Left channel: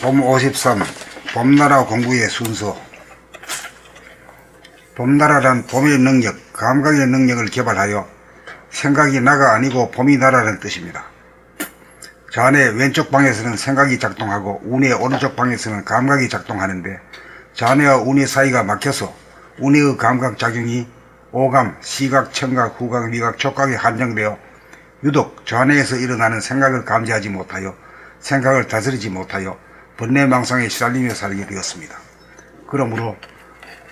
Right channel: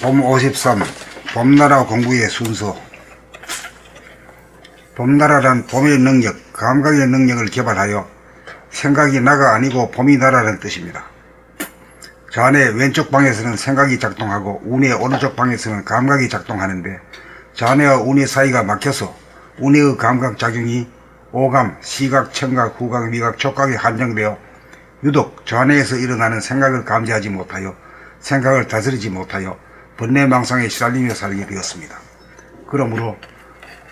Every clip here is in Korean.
봄 53 봄나라 공부의 순서. 봄나라란 봄의 능력, 감각의 능력을 개발하여 생각이 나가 아니고 봄이 나라는 뜻입니다. 좌뇌 왼쪽 방에서는 생각이 작동하고 우뇌 오른쪽 방에서는 감각이 작동하는데 좌뇌와 우뇌 사이가 막혀서 우뇌의 감각작용이 오감, 시각, 청각, 후각, 미각, 촉각에 한정되어 유독 좌뇌에서 일어나는 생각을 감지하지 못하여 생각을 다스리지 못하여 번뇌망상에 시달리며 살게 되었습니다. 그러므로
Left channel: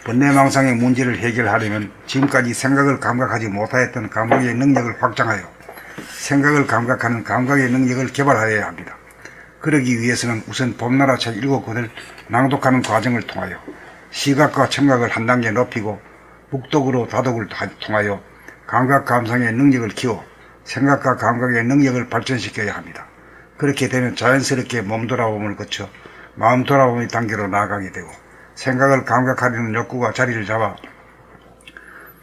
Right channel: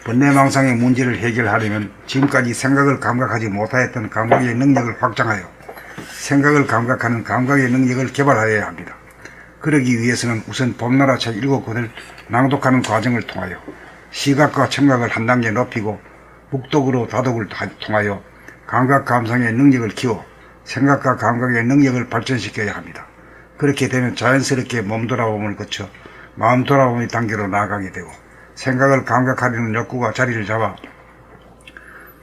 번뇌망상의 문제를 해결하려면 지금까지 생각을 감각하지 못하였던 감각의 능력을 확장하여 생각을 감각하는 감각의 능력을 개발하여야 합니다. 그러기 위해서는 우선 봄나라 책 7권을 낭독하는 과정을 통하여 시각과 청각을 한 단계 높이고 묵독으로 다독을 통하여 감각 감상의 능력을 키워 생각과 감각의 능력을 발전시켜야 합니다. 그렇게 되면 자연스럽게 몸 돌아봄을 거쳐 마음 돌아봄의 단계로 나아가게 되고 생각을 감각하려는 욕구가 자리를 잡아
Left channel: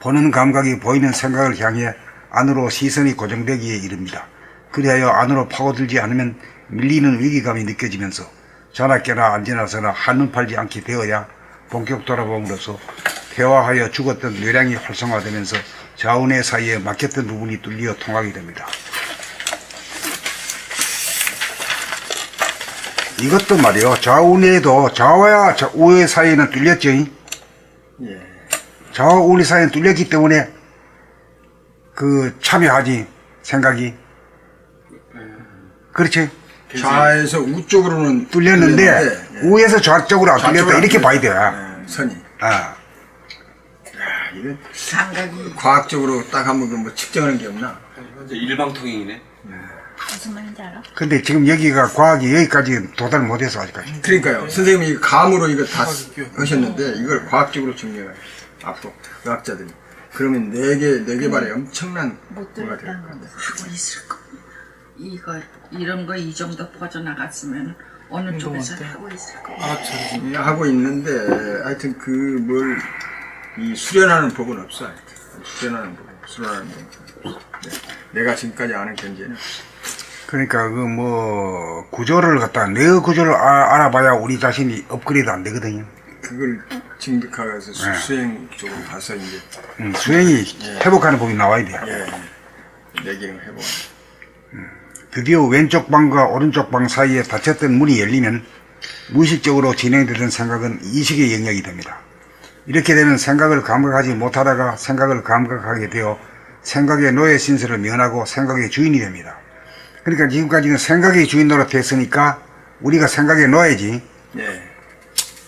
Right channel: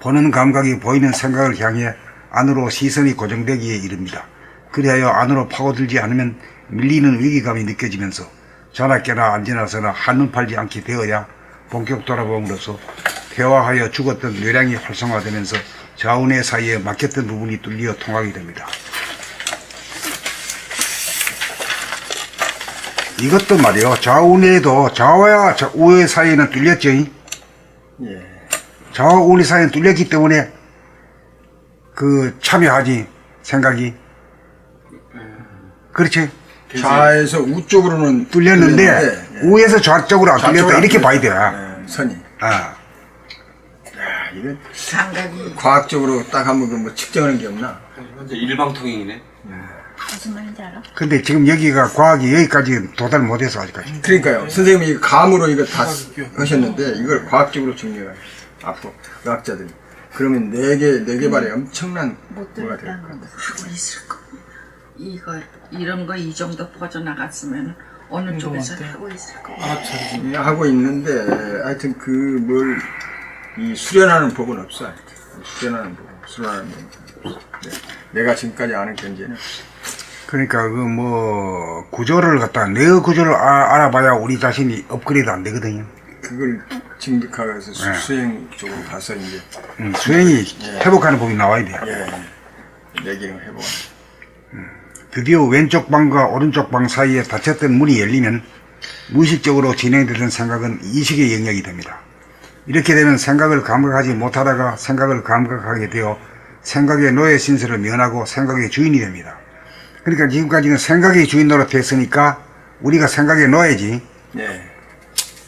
보는 감각이 보이는 생각을 향해 안으로 시선이 고정되기에 이릅니다. 그리하여 안으로 파고들지 않으면 밀리는 위기감이 느껴지면서 자나 깨나 앉으나 서나 한눈 팔지 않게 되어야 본격 돌아봄으로써 퇴화하여 죽었던 뇌량이 활성화되면서 좌우뇌 사이에 막혔던 부분이 뚫려 통하게 됩니다. 이것도 말이요, 좌우뇌도 좌와 우뇌 사이에는 뚫렸죠. 예. 좌와 우뇌 사이에는 뚫렸기 때문에 참여하지 생각이. 그렇지. 좌에서 우쪽으로는 뚫렸는데 예. 우에서 좌쪽으로 안 뚫렸다 이렇게 봐야 돼. 선이. 아. 이거 과학적으로 딱 한번 뭐 측정하는 게 없나? 현재 일방통행이네. 무슨 말인지 알아? 근데 지금 여기가 과학이 여기까지 도달 못해서 아직까지. 그러니까요. 선생님이 감으로 이거 다 하셨는데 이걸 과학적으로 증명해요. 앞으로 의학자들이. 그러면 뇌 개발에 엄청난 못 뭐가 돼요. 들었다는 거 있을 거. 이런 거 이 정도 퍼져나갔으면 어느 쪽에서 하고 있을 거. 하고 있는데 하여튼 이 수련하는 법은 없어. 수련하는 법. 내가 지금까지 아는 견제는. 그러니까 구조를 갖다 뇌의 구조를 알아봐야 우리 자신이 업그레이드 안 되거든요. 그걸 증득하면서 수행 쪽으로 가서 이제 수행이 회복하는 법이 나와야 돼요. 내 기능 회복. 드디어 왼쪽 방과 오른쪽 방 사이에 닫혔던 문이 열리면 무의식적으로 진행되던 생각은 이식의 영역이 됩니다. 이렇게 되면 생각을 감각하지 못하다가 생각을 감각하게 되어 생각의 노예 신세를 면하고 생각의 주인이 됩니다. 그러니까 지금까지는 생각의 주인 노릇 했으니까 우리가 생각의 노예지.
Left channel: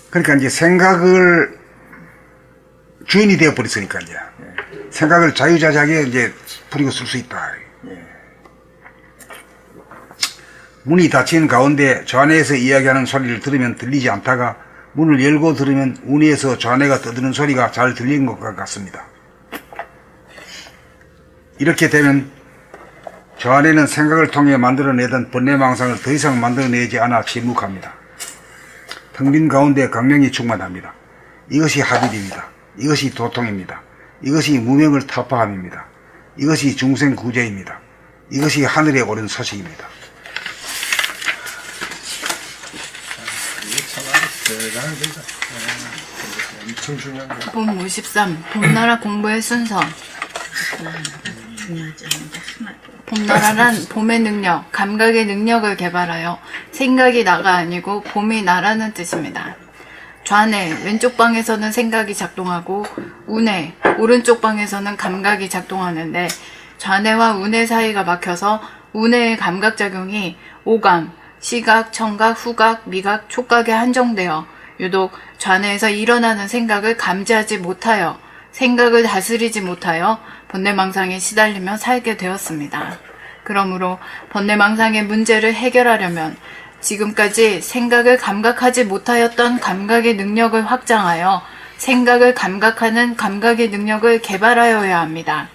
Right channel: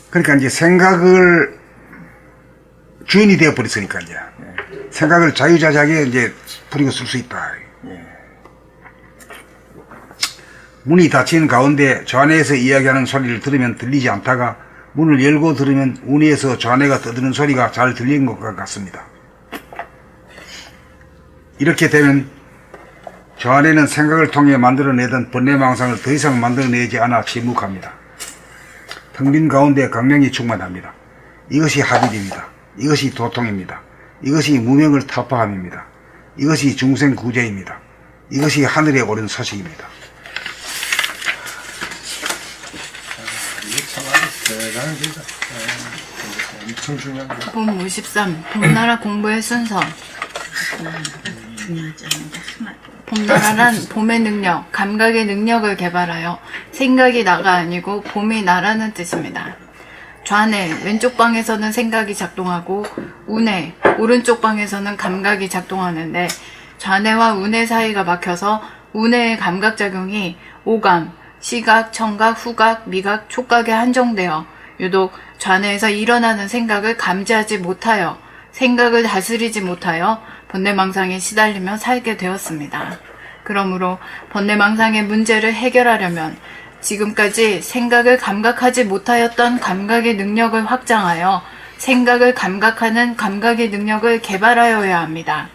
그러니까 이제 생각을 주인이 되어 버렸으니까 이제 생각을 자유자재하게 이제 부리고 쓸 수 있다. 문이 닫힌 가운데 좌뇌에서 이야기하는 소리를 들으면 들리지 않다가 문을 열고 들으면 우뇌에서 좌뇌가 떠드는 소리가 잘 들리는 것과 같습니다. 이렇게 되면 좌뇌는 생각을 통해 만들어내던 번뇌망상을 더 이상 만들어내지 않아 침묵합니다. 텅 빈 가운데 강명이 충만합니다. 이것이 합의입니다. 이것이 도통입니다. 이것이 무명을 타파함입니다. 이것이 중생구제입니다. 이것이 하늘에 오른 소식입니다. 봄 53 봄나라 공부의 순서. 봄나라는 봄의 능력, 감각의 능력을 개발하여 생각이 나가 아니고 봄이 나라는 뜻입니다. 좌뇌, 왼쪽 방에서는 생각이 작동하고 우뇌, 오른쪽 방에서는 감각이 작동하는데 좌뇌와 우뇌 사이가 막혀서 우뇌의 감각작용이 오감, 시각, 청각, 후각, 미각, 촉각에 한정되어 유독 좌뇌에서 일어나는 생각을 감지하지 못하여 생각을 다스리지 못하여 번뇌망상에 시달리며 살게 되었습니다. 그러므로 번뇌망상의 문제를 해결하려면 지금까지 생각을 감각하지 못하였던 감각의 능력을 확장하여 생각을 감각하는 감각의 능력을 개발하여야 합니다.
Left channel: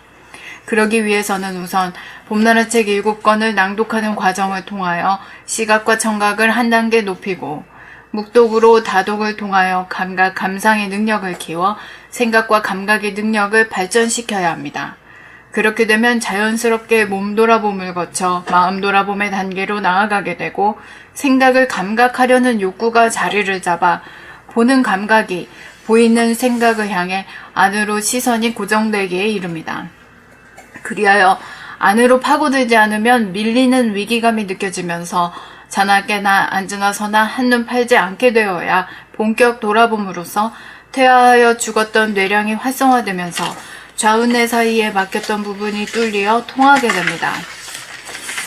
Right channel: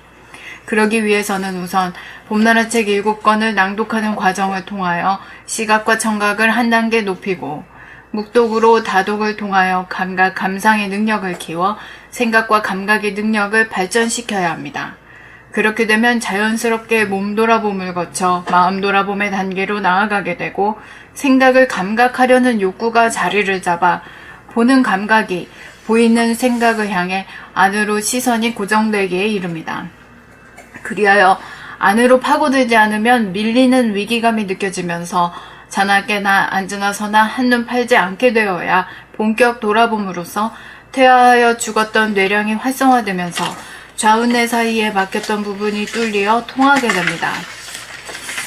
그러기 위해서는 우선 봄나라 책 7권을 낭독하는 과정을 통하여 시각과 청각을 한 단계 높이고 묵독으로 다독을 통하여 감각, 감상의 능력을 키워 생각과 감각의 능력을 발전시켜야 합니다. 그렇게 되면 자연스럽게 몸 돌아봄을 거쳐 마음 돌아봄의 단계로 나아가게 되고 생각을 감각하려는 욕구가 자리를 잡아 보는 감각이 보이는 생각을 향해 안으로 시선이 고정되기에 이릅니다. 그리하여 안으로 파고들지 않으면 밀리는 위기감이 느껴지면서 자나 깨나 앉으나 서나 한눈 팔지 않게 되어야 본격 돌아봄으로써 퇴화하여 죽었던 뇌량이 활성화되면서 좌우뇌 사이에 막혔던 부분이 뚫려 통하게 됩니다.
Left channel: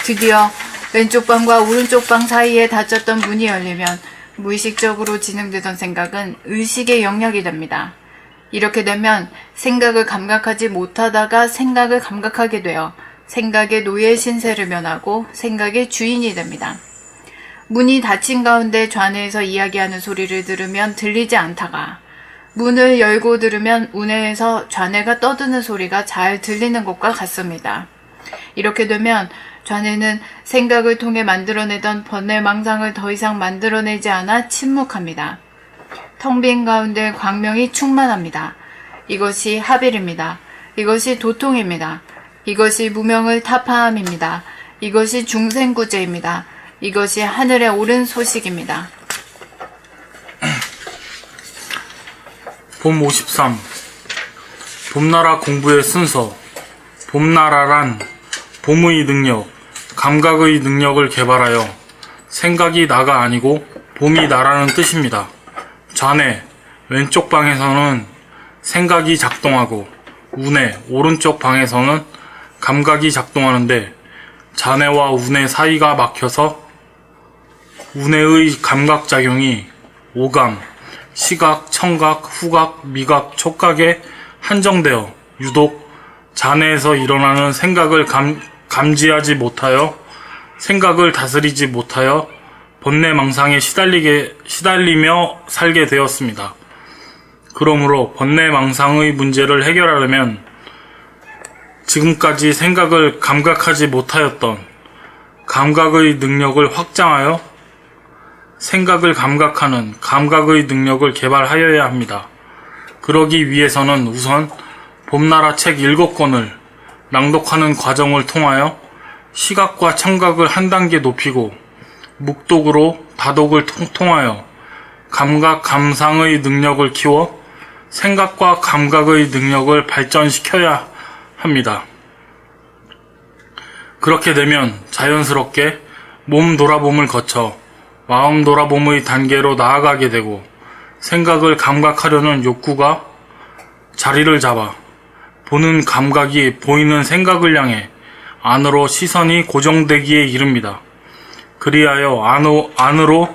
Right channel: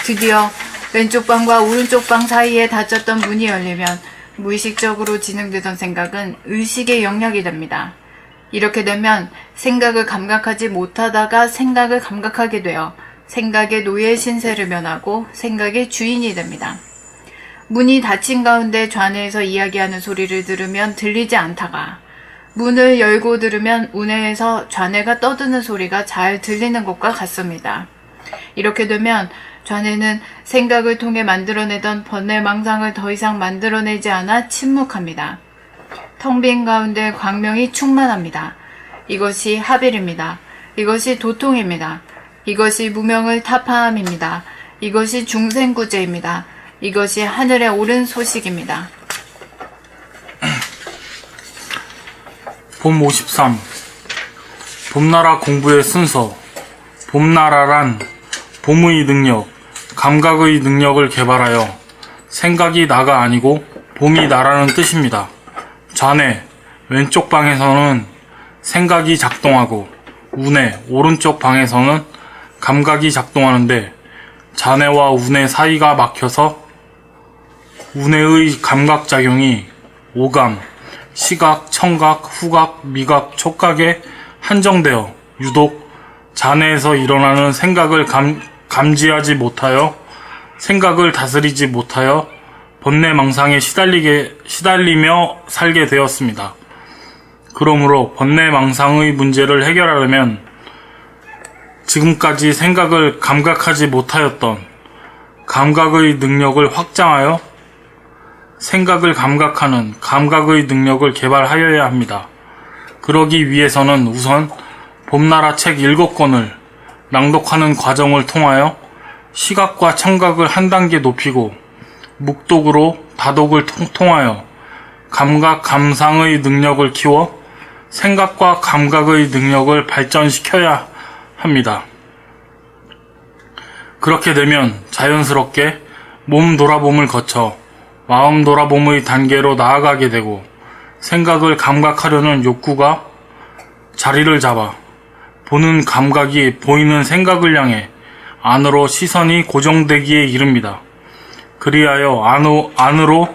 드디어 왼쪽 방과 오른쪽 방 사이에 닫혔던 문이 열리면 무의식적으로 진행되던 생각은 의식의 영역이 됩니다. 이렇게 되면 생각을 감각하지 못하다가 생각을 감각하게 되어 생각의 노예 신세를 면하고 생각의 주인이 됩니다. 문이 닫힌 가운데 좌뇌에서 이야기하는 소리를 들으면 들리지 않다가 문을 열고 들으면 우뇌에서 좌뇌가 떠드는 소리가 잘 들리는 것과 같습니다. 이렇게 되면 좌뇌는 생각을 통해 만들어내던 번뇌망상을 더 이상 만들어내지 않아 침묵합니다. 텅 빈 가운데 광명이 충만합니다. 이것이 하빌입니다. 이것이 도통입니다. 이것이 무명을 타파함입니다. 이것이 중생구제입니다. 이것이 하늘에 오른 소식입니다. 봄 53. 봄나라 공부의 순서. 봄나라란 봄의 능력, 감각의 능력을 개발하여 생각이 나가 아니고 봄이 나라는 뜻입니다. 좌뇌, 왼쪽 방에서는 생각이 작동하고 우뇌, 오른쪽 방에서는 감각이 작동하는데 좌뇌와 우뇌 사이가 막혀서 우뇌의 감각작용이 오감, 시각, 청각, 후각, 미각, 촉각에 한정되어 유독 좌뇌에서 일어나는 생각을 감지하지 못하여 생각을 다스리지 못하여 번뇌망상에 시달리며 살게 되었습니다. 그러므로 번뇌망상의 문제를 해결하려면 지금까지 생각을 감각하지 못하였던 감각의 능력을 확장하여 생각을 감각하는 감각의 능력을 개발하여야 합니다. 그러기 위해서는 우선 봄나라 책 7권을 낭독하는 과정을 통하여 시각과 청각을 한 단계 높이고 묵독으로 다독을 통하여 감각, 감상의 능력을 키워 생각과 감각의 능력을 발전시켜야 합니다. 그렇게 되면 자연스럽게 몸 돌아봄을 거쳐 마음 돌아봄의 단계로 나아가게 되고 생각을 감각하려는 욕구가 자리를 잡아 보는 감각이 보이는 생각을 향해 안으로 시선이 고정되기에 이릅니다. 그리하여 안으로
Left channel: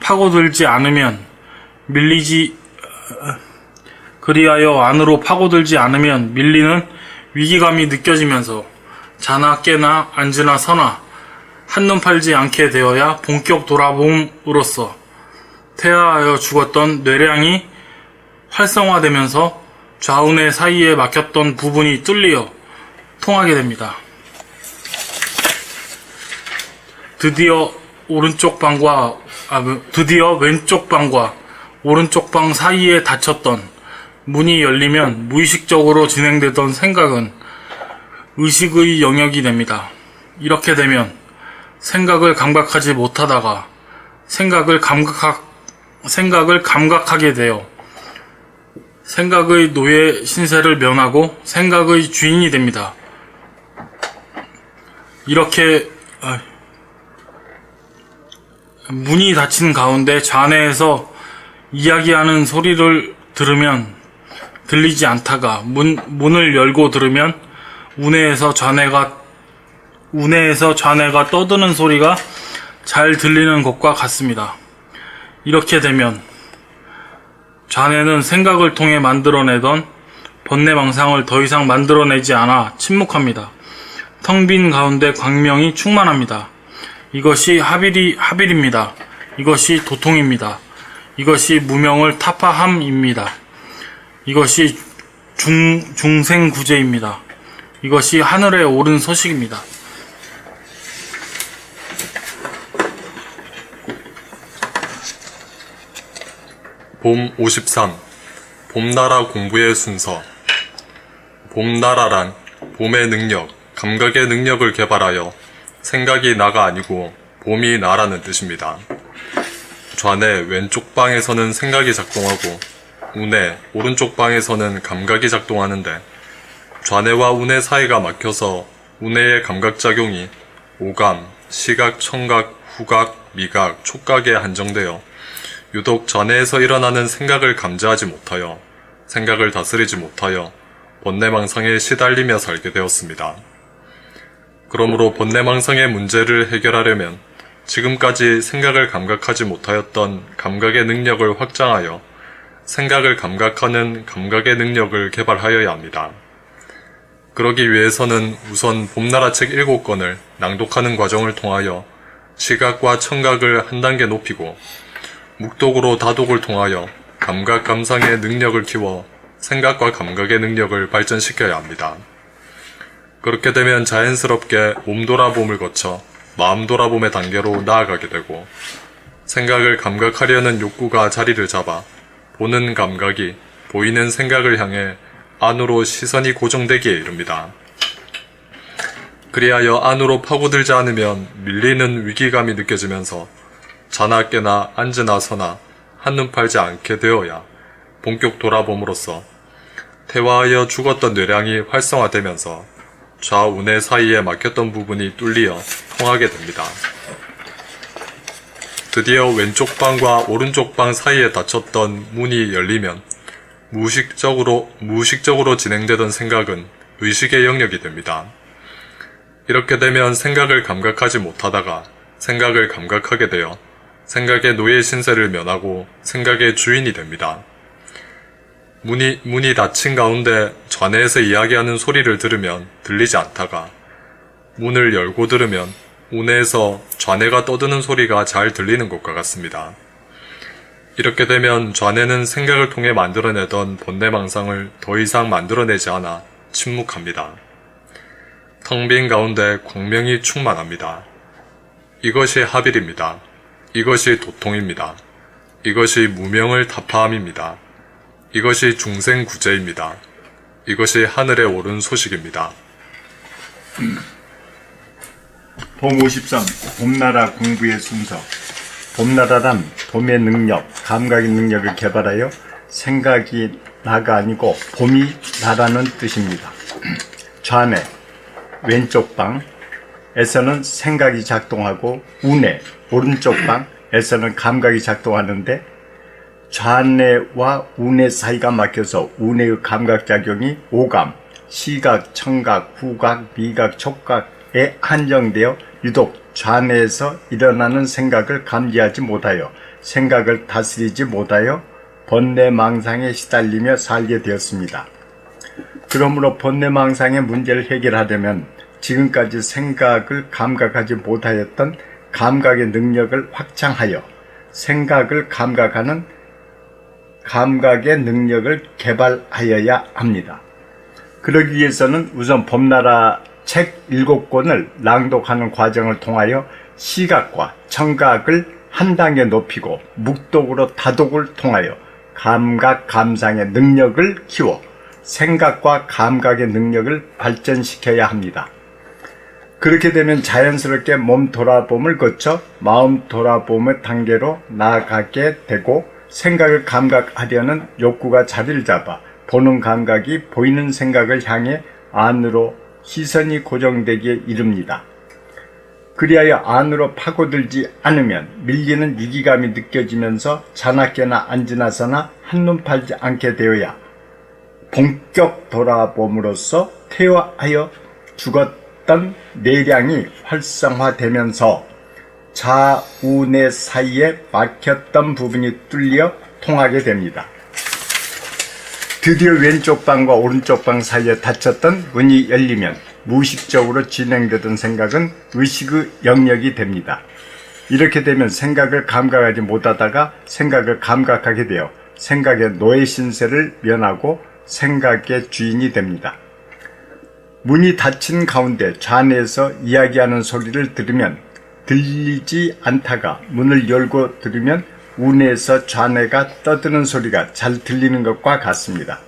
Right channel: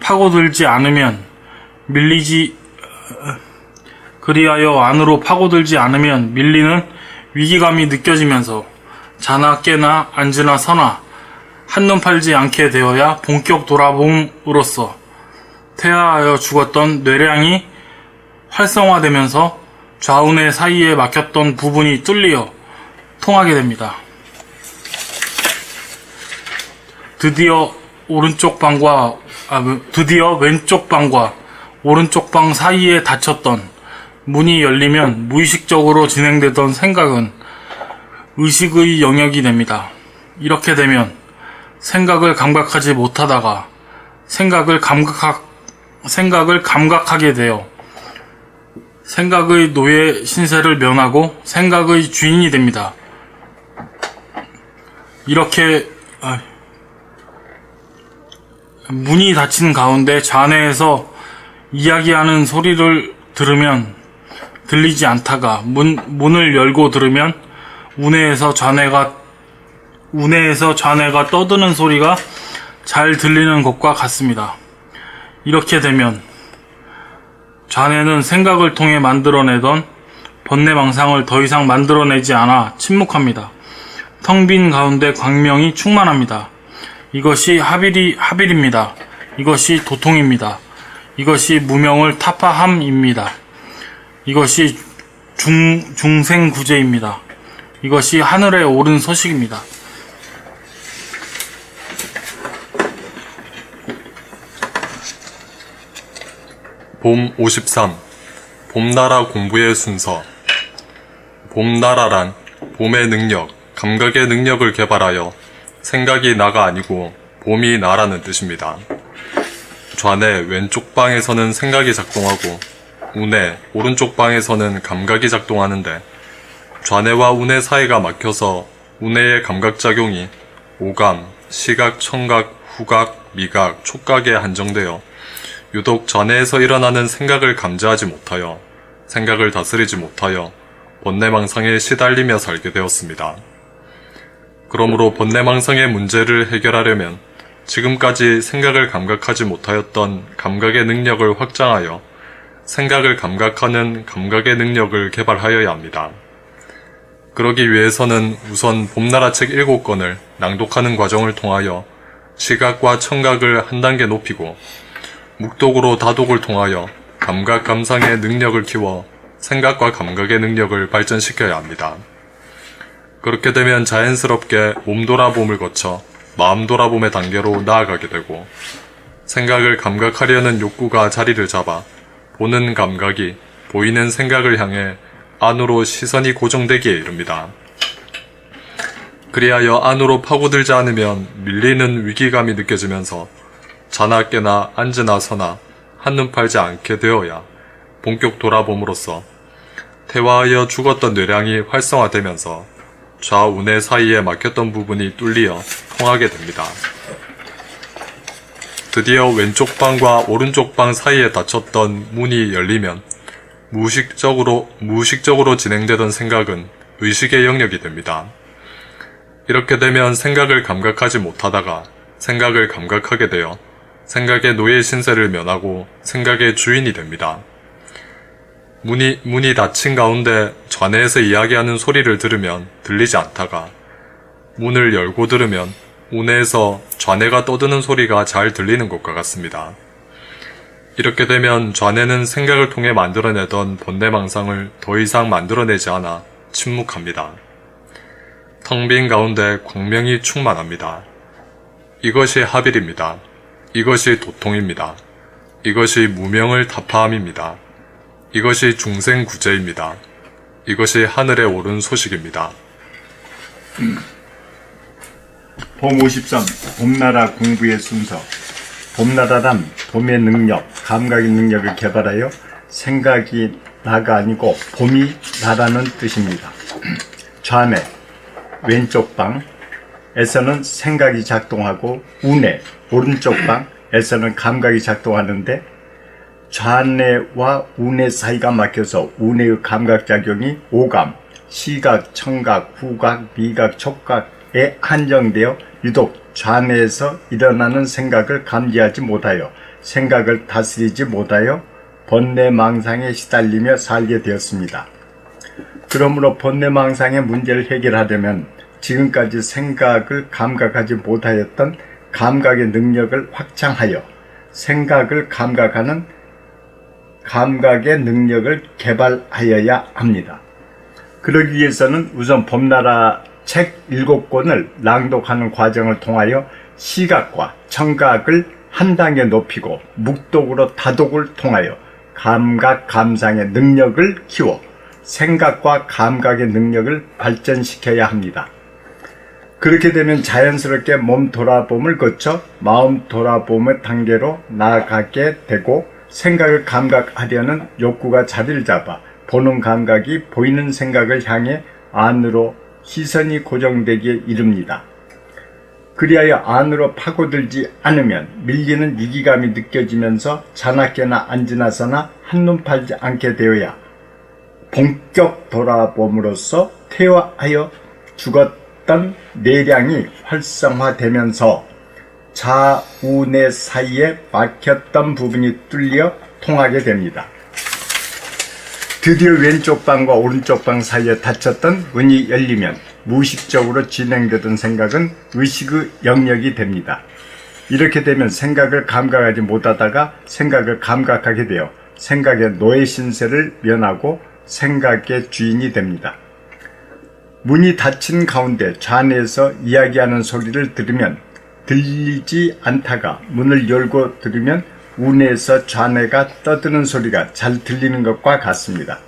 파고들지 않으면 밀리는 위기감이 느껴지면서 자나 깨나 앉으나 서나 한눈 팔지 않게 되어야 본격 돌아봄으로써 퇴화하여 죽었던 뇌량이 활성화되면서 좌우뇌 사이에 막혔던 부분이 뚫려 통하게 됩니다. 드디어 왼쪽 방과 오른쪽 방 사이에 닫혔던 문이 열리면 무의식적으로 진행되던 생각은 의식의 영역이 됩니다. 이렇게 되면 생각을 감각하지 못하다가 생각을 감각하게 되어 생각의 노예 신세를 면하고 생각의 주인이 됩니다. 이렇게 문이 닫힌 가운데 좌뇌에서 이야기하는 소리를 들으면 들리지 않다가 문을 열고 들으면 우뇌에서 좌뇌가 떠드는 소리가 잘 들리는 것과 같습니다. 이렇게 되면 좌뇌는 생각을 통해 만들어내던 번뇌망상을 더 이상 만들어내지 않아 침묵합니다. 텅 빈 가운데 광명이 충만합니다. 이것이 하빌입니다. 이것이 도통입니다. 이것이 무명을 타파함입니다. 이것이 중생구제입니다. 이것이 하늘에 오른 소식입니다. 봄 53. 봄나라 공부의 순서. 봄나라란 봄의 능력, 감각의 능력을 개발하여 생각이 나가 아니고 봄이 나라는 뜻입니다. 좌뇌 왼쪽 방에서는 생각이 작동하고 우뇌 오른쪽 방에서는 감각이 작동하는데 좌뇌와 우뇌 사이가 막혀서 우뇌의 감각작용이 오감, 시각, 청각, 후각, 미각, 촉각에 한정되어 유독 좌뇌에서 일어나는 생각을 감지하지 못하여 생각을 다스리지 못하여 번뇌망상에 시달리며 살게 되었습니다. 그러므로 번뇌망상의 문제를 해결하려면 지금까지 생각을 감각하지 못하였던 감각의 능력을 확장하여 생각을 감각하는 감각의 능력을 개발하여야 합니다. 그러기 위해서는 우선 봄나라 책 7권을 낭독하는 과정을 통하여 시각과 청각을 한 단계 높이고 묵독으로 다독을 통하여 감각 감상의 능력을 키워 생각과 감각의 능력을 발전시켜야 합니다. 그렇게 되면 자연스럽게 몸 돌아봄을 거쳐 마음 돌아봄의 단계로 나아가게 되고 생각을 감각하려는 욕구가 자리를 잡아 보는 감각이 보이는 생각을 향해 안으로 시선이 고정되기에 이릅니다. 그리하여 안으로 파고들지 않으면 밀리는 위기감이 느껴지면서 자나 깨나 앉으나 서나 한눈 팔지 않게 되어야 본격 돌아봄으로써 퇴화하여 죽었던 뇌량이 활성화되면서 좌우뇌 사이에 막혔던 부분이 뚫리어 통하게 됩니다. 드디어 왼쪽 방과 오른쪽 방 사이에 닫혔던 문이 열리면 무의식적으로 진행되던 생각은 의식의 영역이 됩니다. 이렇게 되면 생각을 감각하지 못하다가 생각을 감각하게 되어 생각의 노예 신세를 면하고 생각의 주인이 됩니다. 문이 닫힌 가운데 좌뇌에서 이야기하는 소리를 들으면 들리지 않다가 문을 열고 들으면 우뇌에서 좌뇌가 떠드는 소리가 잘 들리는 것과 같습니다. 이렇게 되면 좌뇌는 생각을 통해 만들어내던 번뇌망상을 더 이상 만들어내지 않아 침묵합니다. 텅 빈 가운데 광명이 충만합니다. 이것이 하빌입니다. 이것이 도통입니다. 이것이 무명을 타파함입니다. 이것이 중생구제입니다. 이것이 하늘에 오른 소식입니다. 봄 53. 봄나라 공부의 순서. 봄나라란 봄의 능력, 감각의 능력을 개발하여 생각이 나가 아니고 봄이 나라는 뜻입니다. 좌뇌, 왼쪽 방에서는 생각이 작동하고 우뇌, 오른쪽 방에서는 감각이 작동하는데 좌뇌와 우뇌 사이가 막혀서 우뇌의 감각작용이 오감, 시각, 청각, 후각, 미각, 촉각에 한정되어 유독 좌뇌에서 일어나는 생각을 감지하지 못하여 생각을 다스리지 못하여 번뇌망상에 시달리며 살게 되었습니다. 그러므로 번뇌망상의 문제를 해결하려면 지금까지 생각을 감각하지 못하였던 감각의 능력을 확장하여 생각을 감각하는 감각의 능력을 개발하여야 합니다. 그러기 위해서는 우선 봄나라 책 7권을 낭독하는 과정을 통하여 시각과 청각을 한 단계 높이고 묵독으로 다독을 통하여 감각 감상의 능력을 키워 생각과 감각의 능력을 발전시켜야 합니다. 그렇게 되면 자연스럽게 몸 돌아봄을 거쳐 마음 돌아봄의 단계로 나아가게 되고 생각을 감각하려는 욕구가 자리를 잡아 보는 감각이 보이는 생각을 향해 안으로 시선이 고정되기에 이릅니다. 그리하여 안으로 파고들지 않으면 밀리는 위기감이 느껴지면서 자나 깨나 앉으나 서나 한눈 팔지 않게 되어야 본격 돌아봄으로써 퇴화하여 죽었던 뇌량이 활성화되면서 좌우뇌 사이에 막혔던 부분이 뚫려 통하게 됩니다. 드디어 왼쪽 방과 오른쪽 방 사이에 닫혔던 문이 열리면 무의식적으로 진행되던 생각은 의식의 영역이 됩니다. 이렇게 되면 생각을 감각하지 못하다가 생각을 감각하게 되어 생각의 노예 신세를 면하고 생각의 주인이 됩니다. 문이 닫힌 가운데 좌뇌에서 이야기하는 소리를 들으면 들리지 않다가 문을 열고 들으면 우뇌에서 좌뇌가 떠드는 소리가 잘 들리는 것과 같습니다.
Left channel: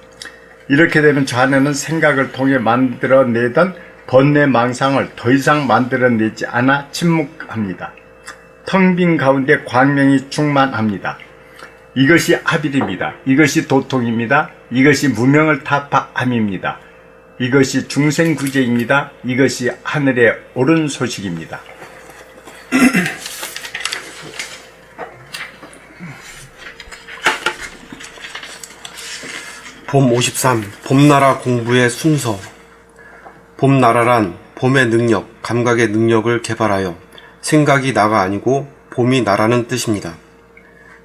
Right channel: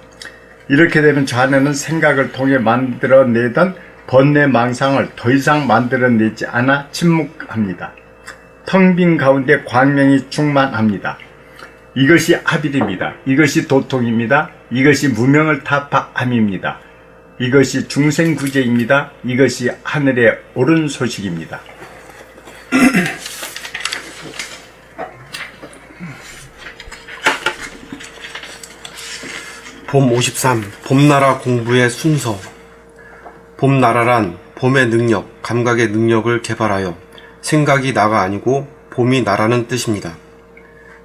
이렇게 되면 좌뇌는 생각을 통해 만들어내던 번뇌망상을 더 이상 만들어내지 않아 침묵합니다. 텅 빈 가운데 광명이 충만합니다. 이것이 합일입니다. 이것이 도통입니다. 이것이 무명을 타파함입니다. 이것이 중생구제입니다. 이것이 하늘에 오른 소식입니다. 봄 53. 봄나라 공부의 순서. 봄나라란 봄의 능력, 감각의 능력을 개발하여 생각이 나가 아니고 봄이 나라는 뜻입니다.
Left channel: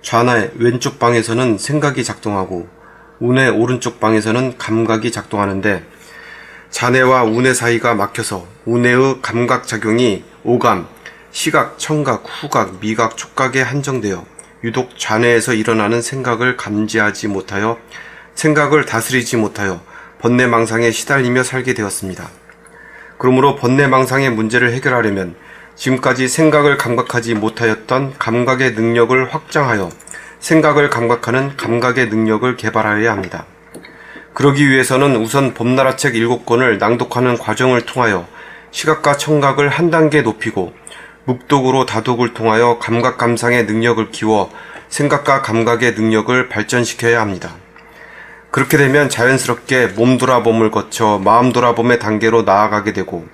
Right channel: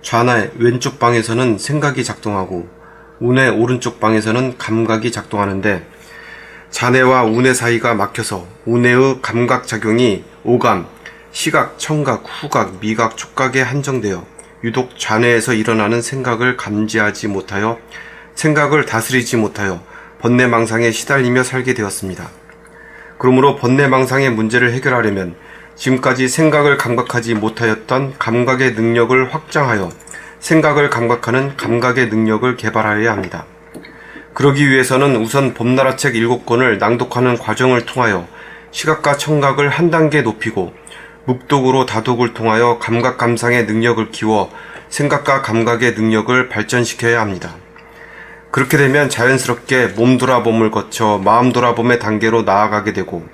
좌나의 왼쪽 방에서는 생각이 작동하고 운의 오른쪽 방에서는 감각이 작동하는데 좌뇌와 운의 사이가 막혀서 운의 감각작용이 오감, 시각, 청각, 후각, 미각, 촉각에 한정되어 유독 좌뇌에서 일어나는 생각을 감지하지 못하여 생각을 다스리지 못하여 번뇌망상에 시달리며 살게 되었습니다. 그러므로 번뇌망상의 문제를 해결하려면 지금까지 생각을 감각하지 못하였던 감각의 능력을 확장하여 생각을 감각하는 감각의 능력을 개발하여야 합니다. 그러기 위해서는 우선 봄나라 책 7권을 낭독하는 과정을 통하여 시각과 청각을 한 단계 높이고 묵독으로 다독을 통하여 감각 감상의 능력을 키워 생각과 감각의 능력을 발전시켜야 합니다. 그렇게 되면 자연스럽게 몸 돌아봄을 거쳐 마음 돌아봄의 단계로 나아가게 되고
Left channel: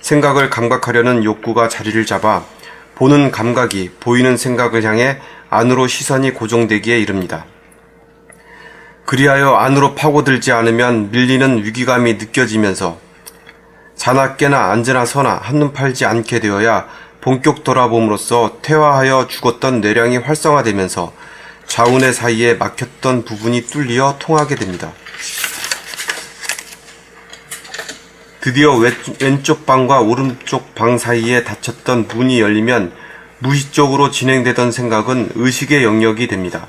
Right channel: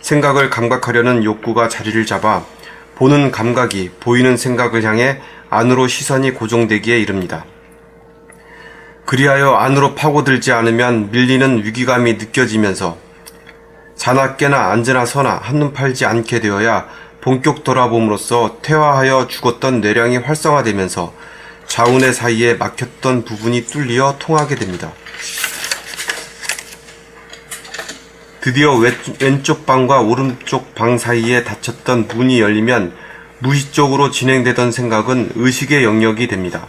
생각을 감각하려는 욕구가 자리를 잡아 보는 감각이 보이는 생각을 향해 안으로 시선이 고정되기에 이릅니다. 그리하여 안으로 파고들지 않으면 밀리는 위기감이 느껴지면서 자나 깨나 앉으나 서나 한눈 팔지 않게 되어야 본격 돌아봄으로써 퇴화하여 죽었던 뇌량이 활성화되면서 좌운의 사이에 막혔던 부분이 뚫려 통하게 됩니다. 드디어 왼쪽 방과 오른쪽 방 사이에 닫혔던 문이 열리면 무의식적으로 진행되던 생각은 의식의 영역이 됩니다.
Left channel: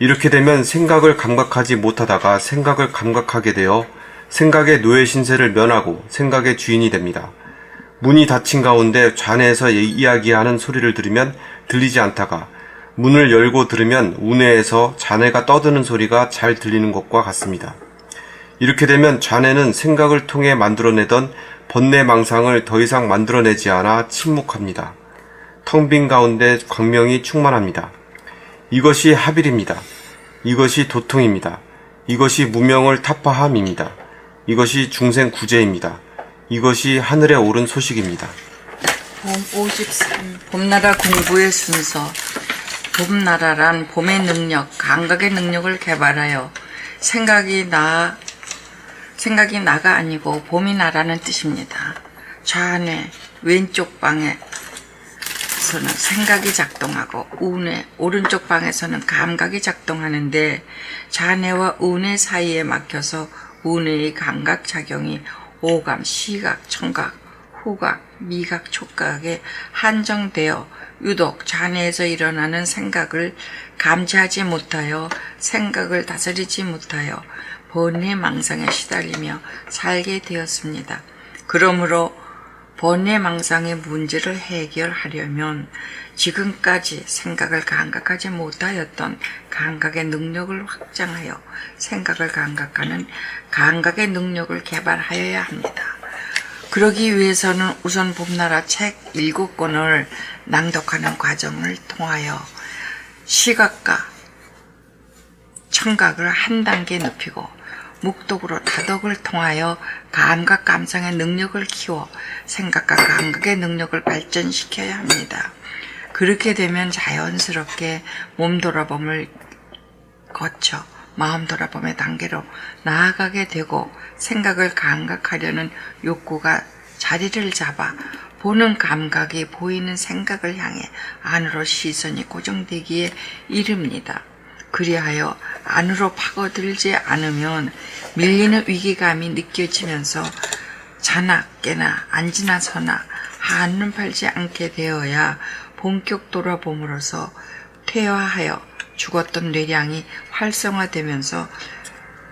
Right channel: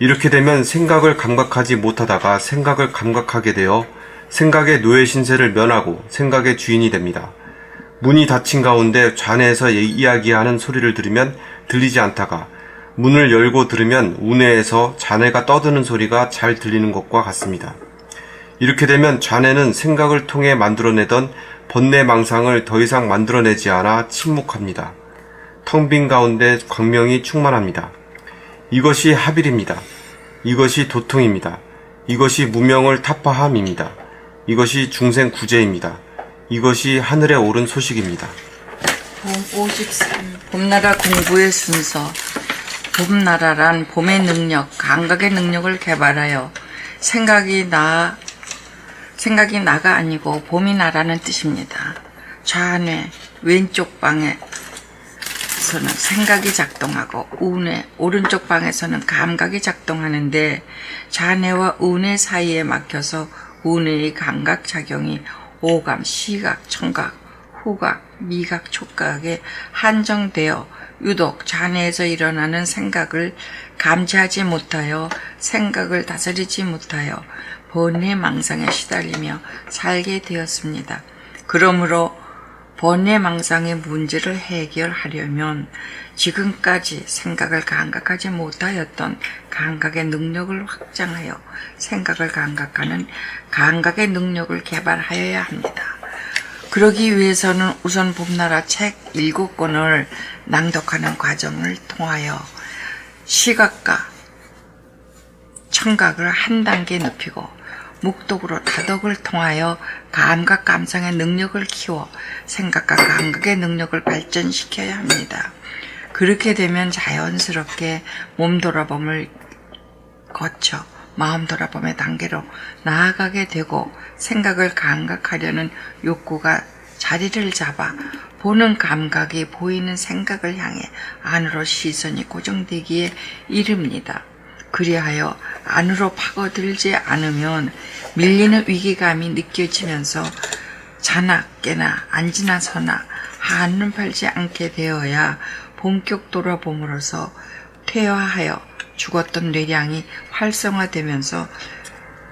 이렇게 되면 생각을 감각하지 못하다가 생각을 감각하게 되어 생각의 노예 신세를 면하고 생각의 주인이 됩니다. 문이 닫힌 가운데 좌뇌에서 이야기하는 소리를 들으면 들리지 않다가 문을 열고 들으면 우뇌에서 좌뇌가 떠드는 소리가 잘 들리는 것과 같습니다. 이렇게 되면 좌뇌는 생각을 통해 만들어내던 번뇌망상을 더 이상 만들어내지 않아 침묵합니다. 텅 빈 가운데 광명이 충만합니다. 이것이 합일입니다. 이것이 도통입니다. 이것이 무명을 타파함입니다. 이것이 중생구제입니다. 이것이 하늘에 오른 소식입니다. 봄 53. 봄나라 공부의 순서. 봄나라란 봄의 능력, 감각의 능력을 개발하여 생각이 나가 아니고 봄이 나라는 뜻입니다. 좌뇌, 왼쪽 방에서는 생각이 작동하고 우뇌, 오른쪽 방에서는 감각이 작동하는데 좌뇌와 우뇌 사이에 막혀서 우뇌의 감각작용이 오감, 시각, 청각, 후각, 미각, 촉각에 한정되어 유독 좌뇌에서 일어나는 생각을 감지하지 못하여 생각을 다스리지 못하여 번뇌망상에 시달리며 살게 되었습니다. 그러므로 번뇌망상의 문제를 해결하려면 지금까지 생각을 감각하지 못하였던 감각의 능력을 확장하여 생각을 감각하는 감각의 능력을 개발하여야 합니다. 그러기 위해서는 우선 봄나라 책 7권을 낭독하는 과정을 통하여 시각과 청각을 한 단계 높이고 묵독으로 다독을 통하여 감각 감상의 능력을 키워 생각과 감각의 능력을 발전시켜야 합니다. 그렇게 되면 자연스럽게 몸 돌아봄을 거쳐 마음 돌아봄의 단계로 나아가게 되고 생각을 감각하려는 욕구가 자리를 잡아 보는 감각이 보이는 생각을 향해 안으로 시선이 고정되기에 이릅니다. 그리하여 안으로 파고들지 않으면 밀리는 위기감이 느껴지면서 자나 깨나 앉으나 서나 한눈 팔지 않게 되어야 본격 돌아봄으로써 퇴화하여 죽었던 뇌량이 활성화되면서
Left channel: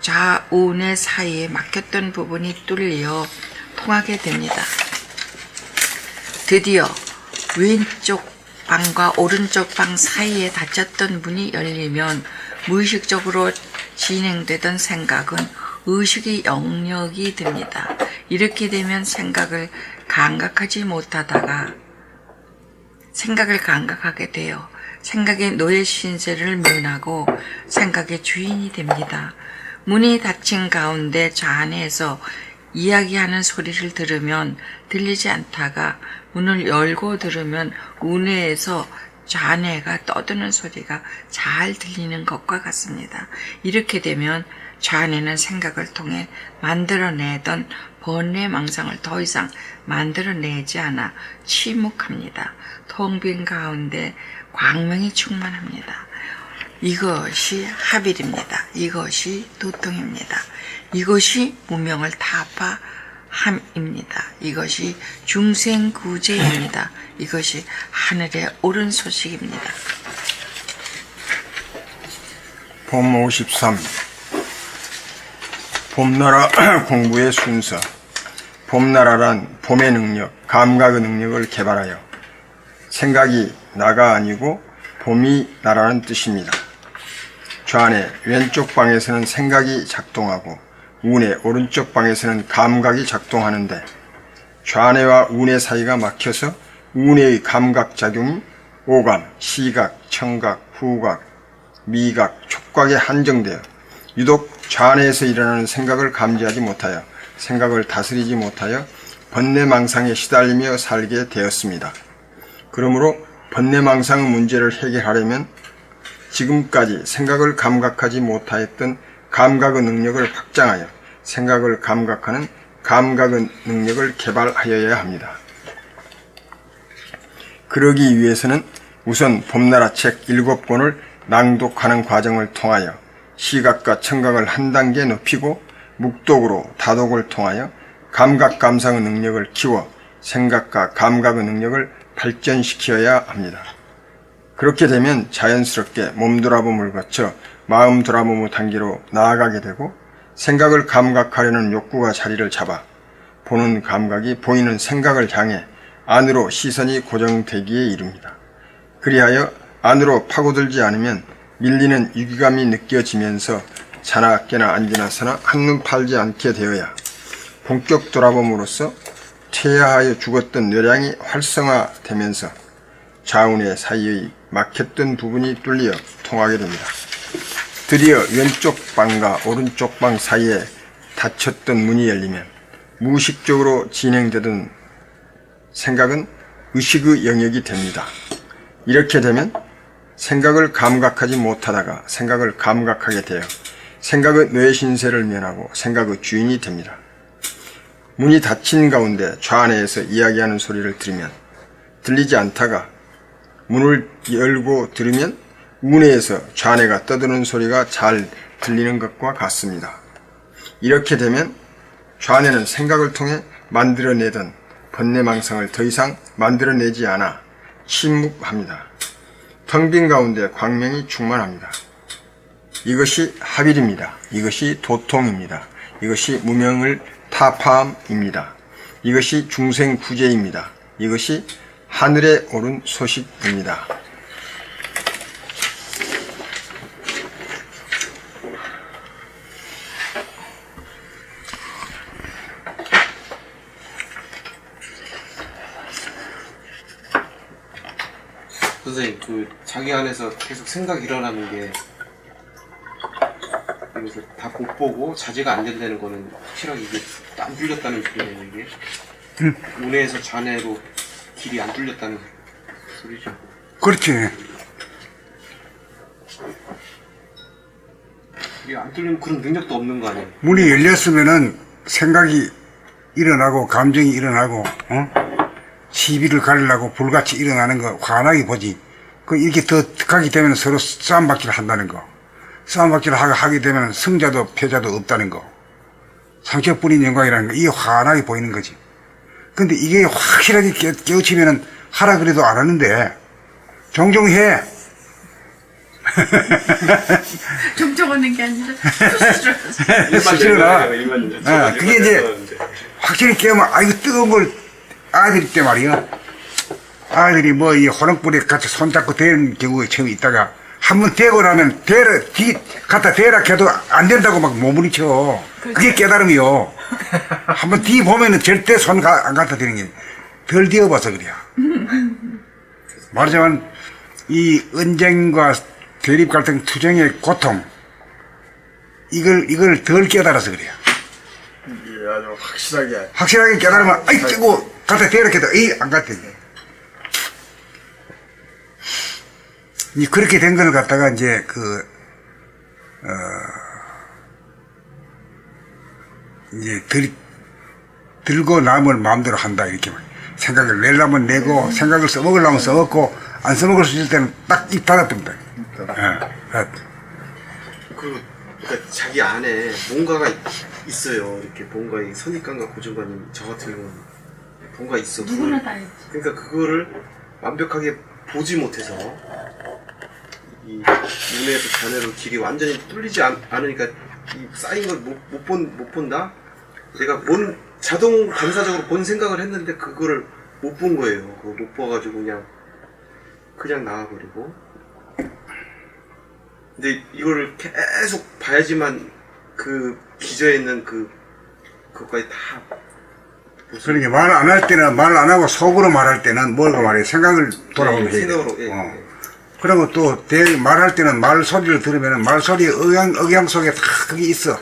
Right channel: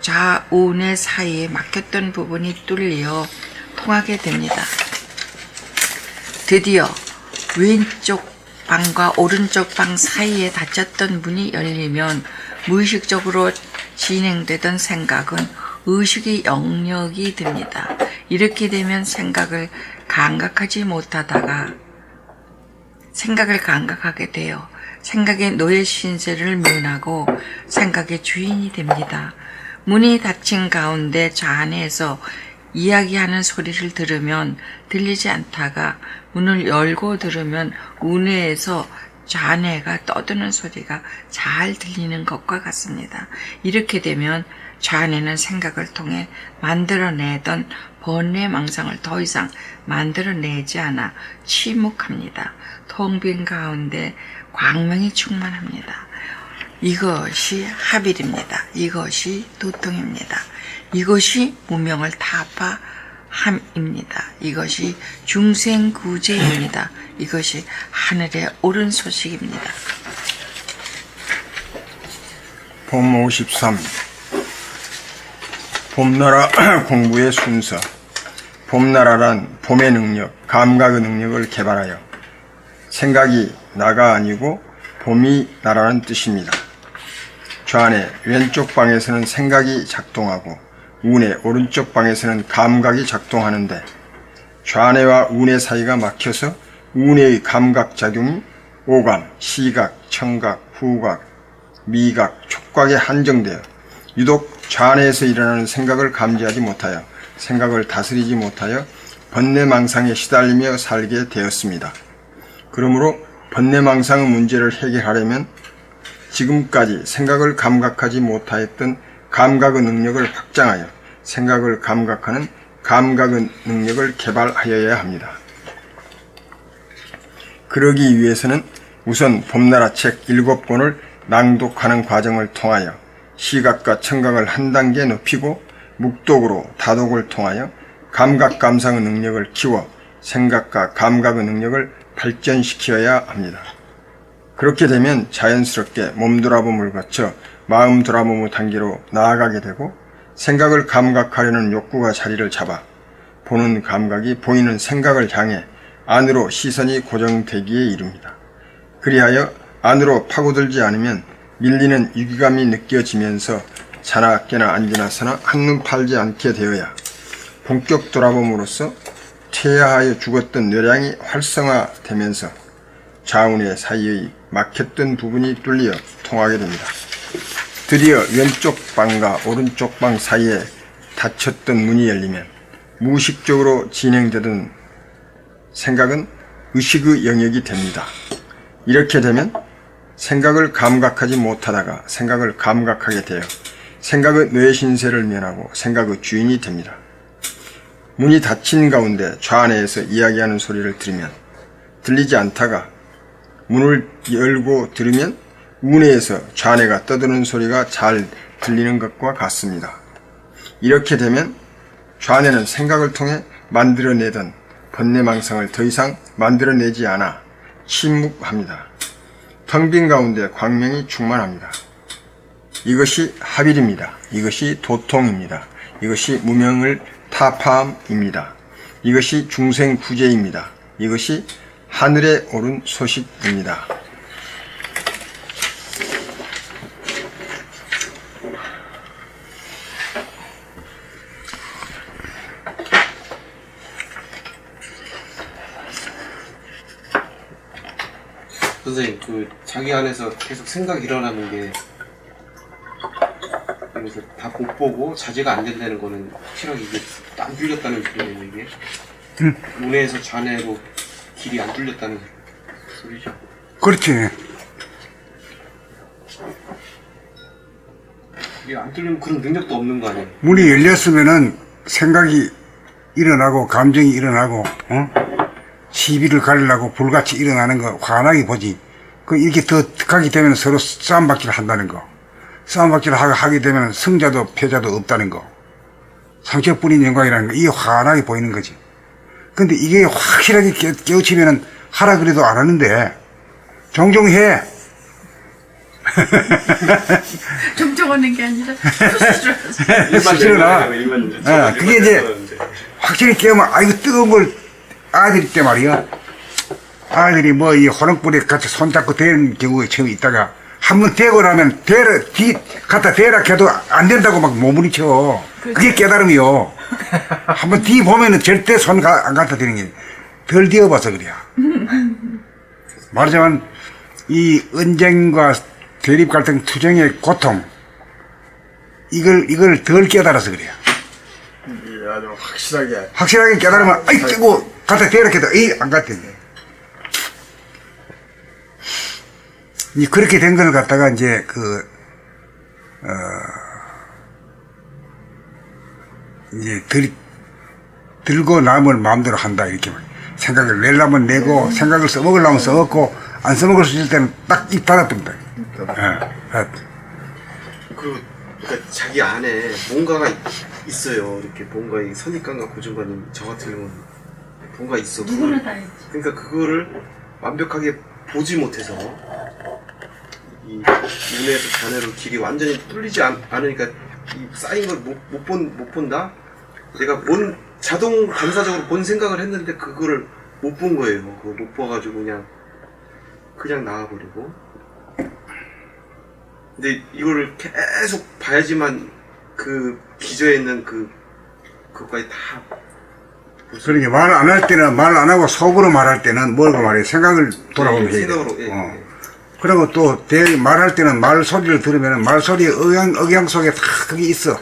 좌우뇌 사이에 막혔던 부분이 뚫려 통하게 됩니다. 드디어 왼쪽 방과 오른쪽 방 사이에 닫혔던 문이 열리면 무의식적으로 진행되던 생각은 의식의 영역이 됩니다. 이렇게 되면 생각을 감각하지 못하다가 생각을 감각하게 되어 생각의 노예 신세를 면하고 생각의 주인이 됩니다. 문이 닫힌 가운데 좌안에서 이야기하는 소리를 들으면 들리지 않다가 문을 열고 들으면 우내에서 좌뇌가 떠드는 소리가 잘 들리는 것과 같습니다. 이렇게 되면 좌뇌는 생각을 통해 만들어내던 번뇌망상을 더 이상 만들어내지 않아 침묵합니다. 텅 빈 가운데 광명이 충만합니다. 이것이 합일입니다. 이것이 도통입니다. 이것이 무명을 타파함입니다. 이것이 중생구제입니다. 이것이 하늘의 옳은 소식입니다. 봄 53. 봄나라 공부의 순서. 봄나라란 봄의 능력, 감각의 능력을 개발하여 생각이 나가 아니고 봄이 나라는 뜻입니다. 좌뇌 왼쪽 방에서는 생각이 작동하고 우뇌 오른쪽 방에서는 감각이 작동하는데 좌뇌와 우뇌 사이가 막혀서 우뇌의 감각작용이 오감, 시각, 청각, 후각, 미각, 촉각에 한정되어 유독 좌뇌에서 일어나는 생각을 감지하지 못하여 생각을 다스리지 못하여 번뇌망상에 시달리며 살게 되었습니다. 그러므로 번뇌망상의 문제를 해결하려면 지금까지 생각을 감각하지 못하였던 감각의 능력을 확장하여 생각을 감각하는 감각의 능력을 개발하여야 합니다. 그러기 위해서는 우선 봄나라 책 7권을 낭독하는 과정을 통하여 시각과 청각을 한 단계 높이고 묵독으로 다독을 통하여 감각 감상의 능력을 키워 생각과 감각의 능력을 발전시켜야 합니다. 그렇게 되면 자연스럽게 몸 돌아봄을 거쳐 마음 돌아봄의 단계로 나아가게 되고 생각을 감각하려는 욕구가 자리를 잡아 보는 감각이 보이는 생각을 향해 안으로 시선이 고정되기에 이릅니다. 그리하여 안으로 파고들지 않으면 밀리는 유기감이 느껴지면서 자나 깨나 앉으나 서나 한눈 팔지 않게 되어야 본격 돌아봄으로써 퇴화하여 죽었던 뇌량이 활성화되면서 좌우뇌 사이의 막혔던 부분이 뚫려 통하게 됩니다. 드디어 왼쪽 방과 오른쪽 방 사이에 닫혔던 문이 열리면 무의식적으로 진행되던 생각은 의식의 영역이 됩니다. 이렇게 되면 생각을 감각하지 못하다가 생각을 감각하게 되어 생각의 뇌신세를 면하고 생각의 주인이 됩니다. 문이 닫힌 가운데 좌뇌에서 이야기하는 소리를 들으면 들리지 않다가 문을 열고 들으면 우뇌에서 좌뇌가 떠드는 소리가 잘 들리는 것과 같습니다. 이렇게 되면 좌뇌는 생각을 통해 만들어내던 번뇌망상을 더 이상 만들어내지 않아 침묵합니다. 텅 빈 가운데 광명이 충만합니다. 이것이 합일입니다. 이것이 도통입니다. 이것이 무명을 타파함입니다. 이것이 중생구제입니다. 이것이 하늘에 오른 소식입니다. 선생님, 자기 안에서 계속 생각이 일어나는데, 그래서 다 못 보고 자제가 안 된다는 거는 확실하게 이게 안 뚫렸다는 얘기예요, 이게? 우뇌에서 좌뇌로 길이 안 뚫렸다는 소리죠. 그렇지. 이게 안 뚫리면 그런 능력도 없는 거 아니에요? 문이 열렸으면은 생각이 일어나고 감정이 일어나고 시비를 가리려고 불같이 일어나는 거 환하게 보지. 이렇게 더 가게 되면 서로 싸움박질을 한다는 거. 싸움박질을 하게 되면 승자도 패자도 없다는 거. 상처뿐인 영광이라는 거. 이게 환하게 보이는 거지. 근데 이게 확실하게 깨우치면은 하라 그래도 안 하는데 종종 해. 종종 하는 게 아니라 싫어라. 그게 이제 확실히 깨우면 이거 뜨거운 걸 아들이 때 말이야. 아들이 이 호롱불에 같이 손잡고 대는 경우가 처음 있다가 한번 대고 나면 갖다 대라 해도 안 된다고 막 몸부림쳐. 그게 깨달음이요. 한번 뒤 보면은 절대 손 안 갖다 대는 게 덜 뒤어봐서 그래요. 말하자면 이 언쟁과 대립 갈등 투쟁의 고통 이걸 덜 깨달아서 그래요. 이게 아주 확실하게 깨달으면 아이고 갖다 대라 해도 안 갔대. 이 그렇게 된 걸 갖다가 이제 이제 들고 남을 마음대로 한다 이렇게 생각을 내려면 내고 생각을 써먹으려면 써먹고 안 써먹을 수 있을 때는 딱 입 닫아둡니다. 그러니까 자기 안에 뭔가가 있어요. 이렇게 뭔가 이 선입관과 고정관이 저 같은 경우는 뭔가 있어. 누구나 다 있지. 그러니까 그거를 완벽하게 보지 못해서 이 눈에서 자네로 길이 완전히 뚫리지 않으니까 이 쌓인 걸 못 본다? 내가 자동 반사적으로 본 생각을 했는데 그거를 못 본 거예요. 그거 못 봐가지고 그냥 나와버리고. 근데 이거를 계속 봐야지만 그 기저에 있는 그것까지 다. 그러니까 말 안 할 때는 말 안 하고 속으로 말할 때는 뭐라고 말해? 생각을 돌아보면 해야 돼. 생각으로, 예. 그리고 또 말할 때는 말 소리를 들으면 말 소리의 억양 속에 다 그게 있어.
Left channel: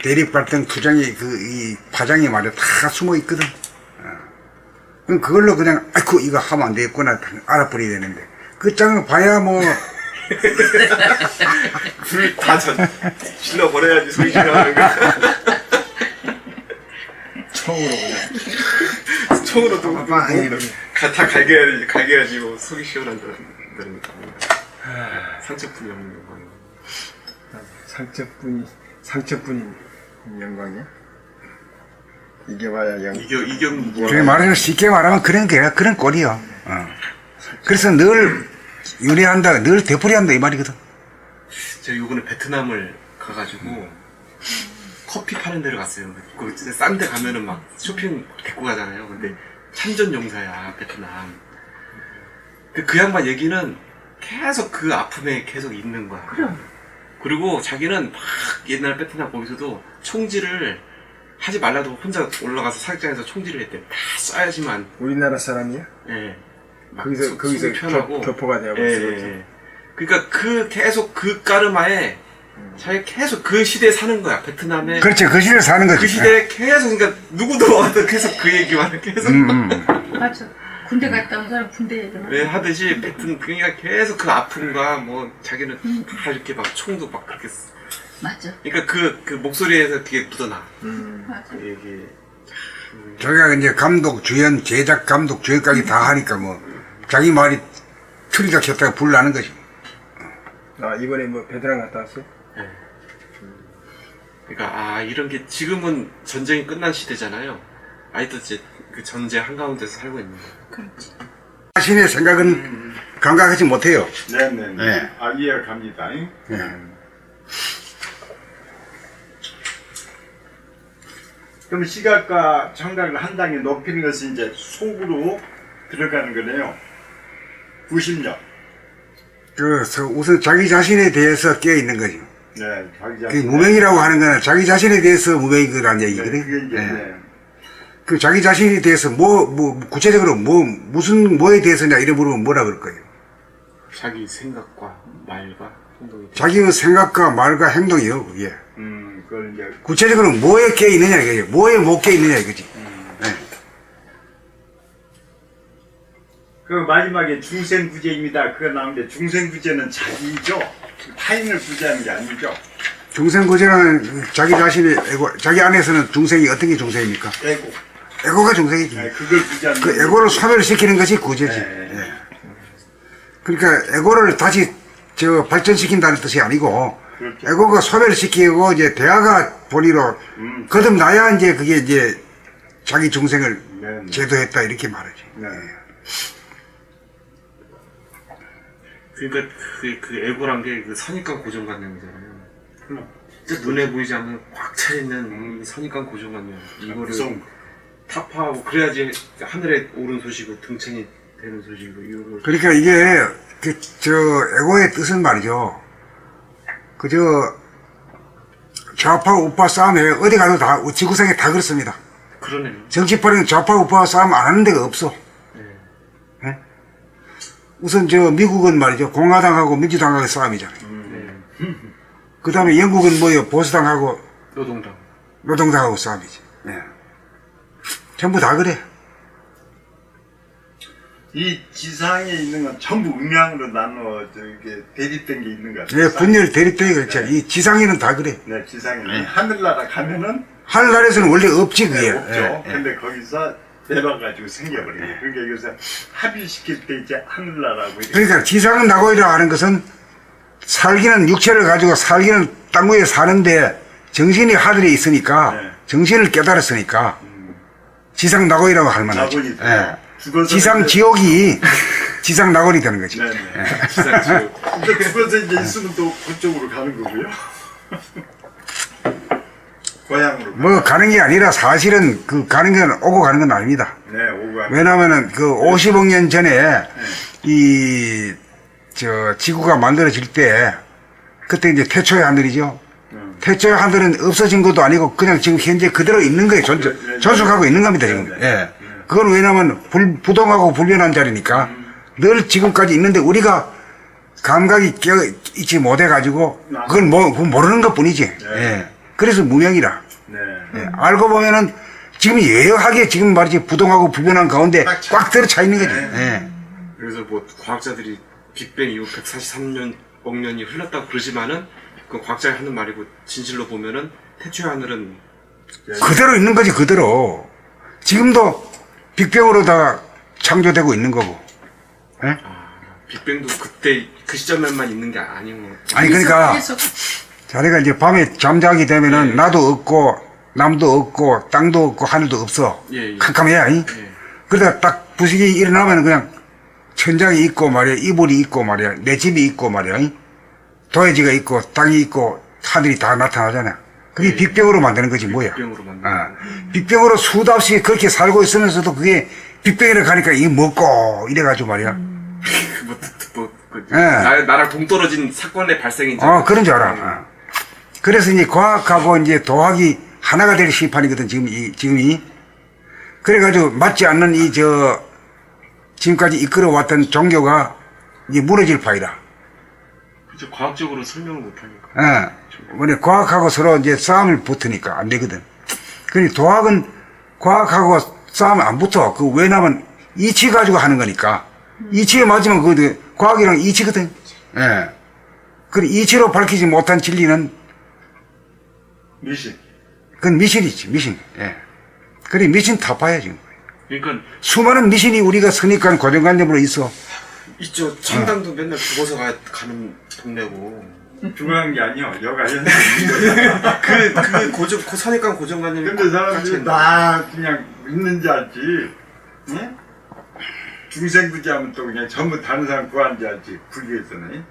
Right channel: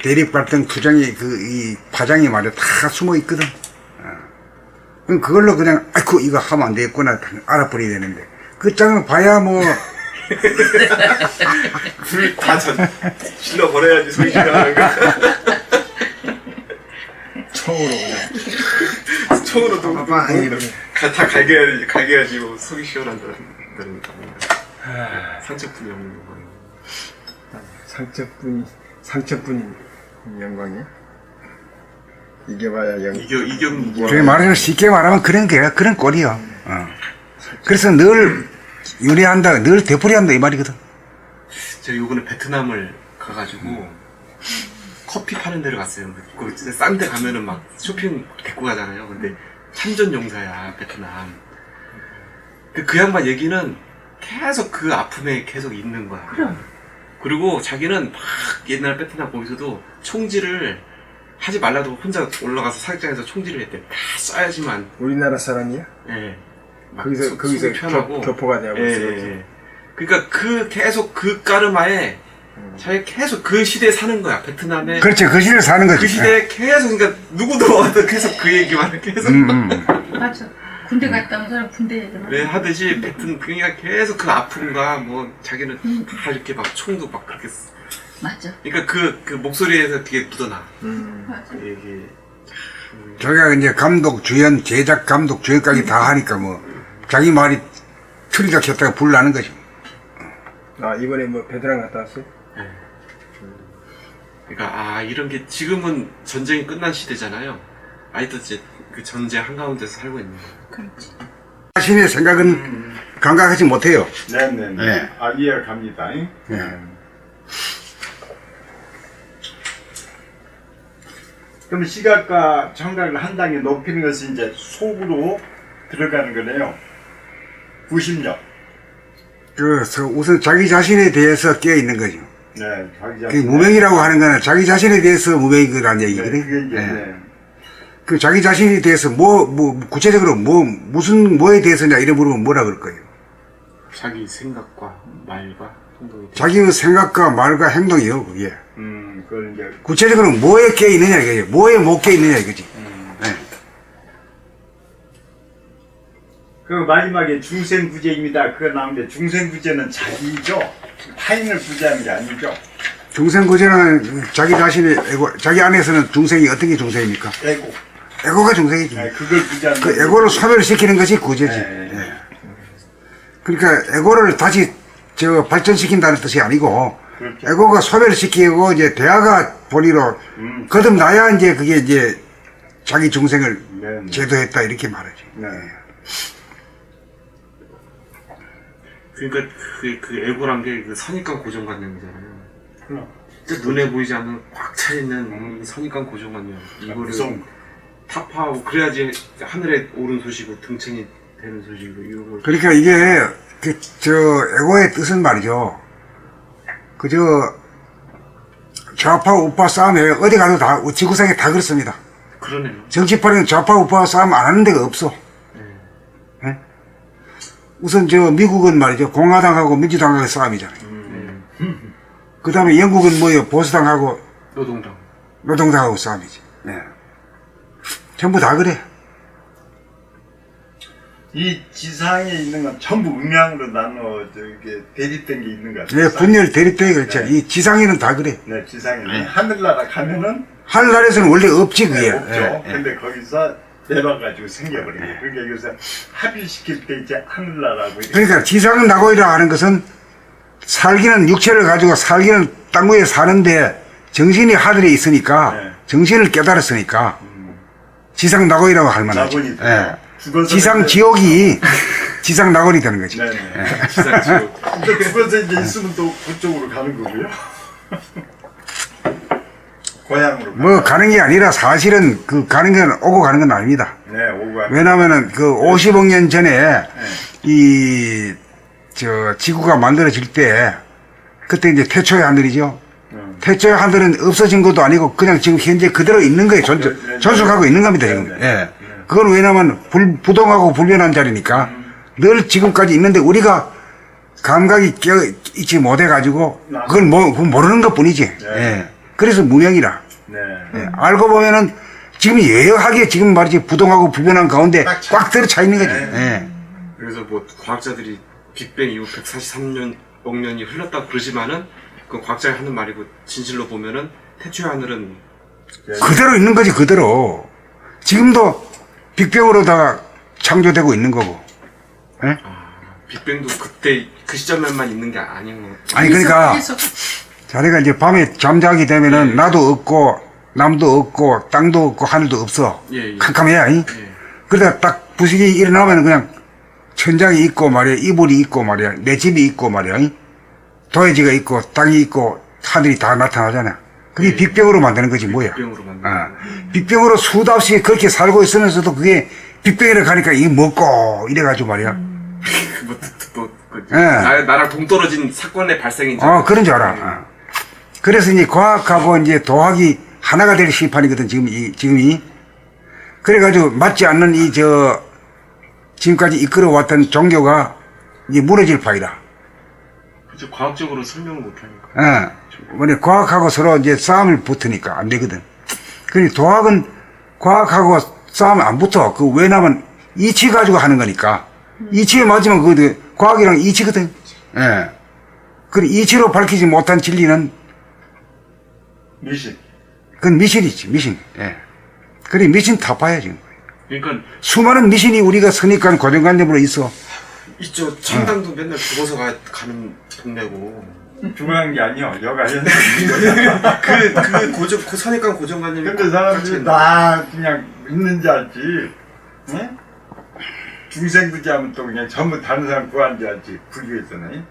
대립 갈등 투쟁이 이 파장이 말에 다 숨어 있거든. 그럼 그걸로 그냥 아이고 이거 하면 안 되겠구나 알아버려야 되는데 그 장을 봐야 뭐 다 질러버려야지 손실을. 처음으로 다 갈겨야지 뭐 속이 시원한다는 상처뿐이 없는 거. 상처뿐이 영광이야? 이게 봐야 이게 뭐 그래 말하면 쉽게 말하면 그런 꼴이야. 그래서 늘 유리한다, 늘 되풀이한다 이 말이거든. 제가 요번에 베트남을 가가지고 커피 파는 데를 갔어요. 거기 싼 데 가면은 막 쇼핑 데리고 가잖아요. 근데 참전 용사야 베트남. 그 양반 얘기는 계속 그 아픔에 계속 있는 거야. 그리고 자기는 막 옛날 베트남 거기서도 총질을 하지 말라도 혼자 올라가서 사격장에서 총질을 했대. 다 쏴야지만. 우리나라 사람이야? 네. 거기서 편하고. 교포가 되고. 네. 그러니까 계속 그 까르마에 자기가 계속 그 시대에 사는 거야. 베트남에. 그렇죠. 그 시대에 사는 거지. 그 시대에 계속 그러니까 누구도 와서 계속 그 얘기만 해. 계속. 맞아. 군대 갔다 온 사람 군대 얘기만. 왜 하듯이 그러니까 계속 그 아픔과 뭐 자기는 다 이렇게 막 총도 막 그렇게. 맞아. 그러니까 그 목소리에서 되게 묻어나. 맞아. 이게. 저희가 이제 감독, 주연, 제작, 감독, 주연까지 다 하니까 뭐 자기 말이 틀리다 켰다가 불나는 거지. 이번에 뭐 베트남 갔다 왔어? 네. 그러니까 이런 게 지금은 전쟁이 끝난 시대잖아요. 아직도 이제 그 전쟁 한가운데서 살고 있는 거예요. 그렇지. 자신의 생각은 감각하지 못해요. 네네네. 이해갑니다. 네. 그럼 시각과 청각을 한 단계 높이는 것이 이제 속으로 들어가는 거네요. 90년. 우선 자기 자신에 대해서 깨어 있는 거죠. 네, 자기 그 무명이라고 하는 거는 자기 자신에 대해서 무명이라는 얘기거든. 네. 그 자기 자신에 대해서 구체적으로 뭐에 대해서냐 이래 물으면 뭐라 그럴 거예요? 자기 생각과 말과 행동이. 자기의 생각과 말과 행동이요, 그게. 그걸 이제. 구체적으로 뭐에 깨어 있느냐 이거예요. 뭐에 못 깨어 있느냐 이거지. 네. 그 마지막에 중생구제입니다. 그거 나오는데 중생구제는 자기죠? 타인을 구제하는 게 아니죠? 중생구제는 자기 자신의 에고, 자기 안에서는 중생이 어떤 게 중생입니까? 에고가 중생이지. 네, 그걸 구제하는 그 에고를 소멸시키는 것이 구제지. 네. 예. 그러니까 에고를 다시 발전시킨다는 뜻이 아니고, 그렇죠. 에고가 소멸시키고 이제 대화가 본의로 거듭나야 이제 그게 이제 자기 중생을 네. 제도했다 이렇게 말하지. 네. 그러니까 그 에고란 게 그 선입관 고정관념이잖아요. 그럼. 눈에 보이지 않는 꽉 차있는 선입관 고정관념. 이거를 무서운 타파하고 그래야지 하늘에 오른 소식이고 등천이 되는 소식이고 이런 걸. 그러니까 이게 에고의 뜻은 말이죠. 좌파 우파 싸움에 어디 가도 다 지구상에 다 그렇습니다. 그러네요. 정치판에는 좌파 우파 싸움 안 하는 데가 없어. 네. 네? 우선 미국은 말이죠. 공화당하고 민주당하고 싸움이잖아요. 그 다음에 영국은 뭐예요? 보수당하고 노동당하고 싸움이지. 예. 전부 다 그래. 이 지상에 있는 건 전부 음양으로 나눠 이게 대립된 게 있는 것 같아요. 예, 분열 대립되게 그렇죠. 이 지상에는 다 그래. 네, 지상에 하늘나라 가면은 하늘나라에서는 원래 없지, 그게. 없죠. 예, 예. 근데 거기서 내려가지고 생겨버려요. 그러니까 여기서 합의시킬 때 이제 하늘나라고. 그러니까 지상은 나고이라 하는 것은 살기는 육체를 가지고 살기는 땅 위에 사는데 정신이 하늘에 있으니까 네. 정신을 깨달았으니까 지상 나고이라고 할 만하죠. 나고이. 예. 지상 지옥이 지상 나고이 되는 거지. 네네. 예. 근데 그것에 이제 있으면 또 그쪽으로 가는 거고요. 고향으로. 뭐 가는 게 아니라 사실은 그 가는 건 오고 가는 건 아닙니다. 네, 오고 가는. 왜냐하면은 그 50억 년 전에 지구가 만들어질 때 그때 이제 태초의 하늘이죠. 태초의 하늘은 없어진 것도 아니고 그냥 지금 현재 그대로 있는 거예요. 존속하고 있는 겁니다. 지금. 예. 그건 왜냐하면 부동하고 불변한 자리니까 늘 지금까지 있는데 우리가 감각이 있지 못해가지고 그건 그건 모르는 것 뿐이지. 예. 그래서 무명이라. 네. 예. 알고 보면은 지금 예하게 지금 말이지 부동하고 불변한 가운데 꽉 들어 차 있는 거지. 예. 그래서 뭐 과학자들이 빅뱅 이후 143억 년이 흘렀다고 그러지만은 그 과학자가 하는 말이고 진실로 보면은 태초의 하늘은 그대로 있는 거지, 그대로. 지금도 빅뱅으로 다 창조되고 있는 거고. 예? 빅뱅도 그때 그 시점에만 있는 게 아닌 거. 아니, 그러니까, 자네가 이제 밤에 잠자기 되면은 나도 없고, 남도 없고, 땅도 없고, 하늘도 없어. 예. 캄캄해, 아니? 그러다 딱 부식이 일어나면 그냥 천장이 있고 말이야, 이불이 있고 말이야, 내 집이 있고 말이야, 아니? 도해지가 있고, 땅이 있고, 하늘이 다 나타나잖아. 그게 빅뱅으로 만드는 거지, 뭐야. 빅뱅으로 만드는 빅뱅으로 수도 없이 그렇게 살고 있으면서도 그게 빅뱅이라 가니까 이게 먹고, 이래가지고 말이야. 나랑 동떨어진 사건의 발생인 줄 그런 줄 알아. 그래서 이제 과학하고 이제 도학이 하나가 되기 시판이거든, 지금이. 그래가지고 맞지 않는 지금까지 이끌어왔던 종교가 이제 무너질 파이다. 그렇죠. 과학적으로 설명을 못하니까. 과학하고 서로 이제 싸움을 붙으니까 안 되거든. 그러니 도학은 과학하고 싸움 안 붙어. 왜냐면 이치 가지고 하는 거니까. 이치에 맞으면 과학이랑 이치거든. 예. 그 이치로 밝히지 못한 진리는 미신. 그건 미신이지, 미신. 예. 그래, 미신 타파야지. 그러니까 수많은 미신이 우리가 선입관 고정관념으로 있어. 있죠. 천당도 맨날 죽어서 가는 동네고. 중요한 게 아니야. 여가에. 그 선입관 고정관념이. 근데 사람들이 다 그냥 있는 줄 알지. 응? 중생구지 하면 또 그냥 전부 다른 사람 구한 줄 알지. 불교했잖아요.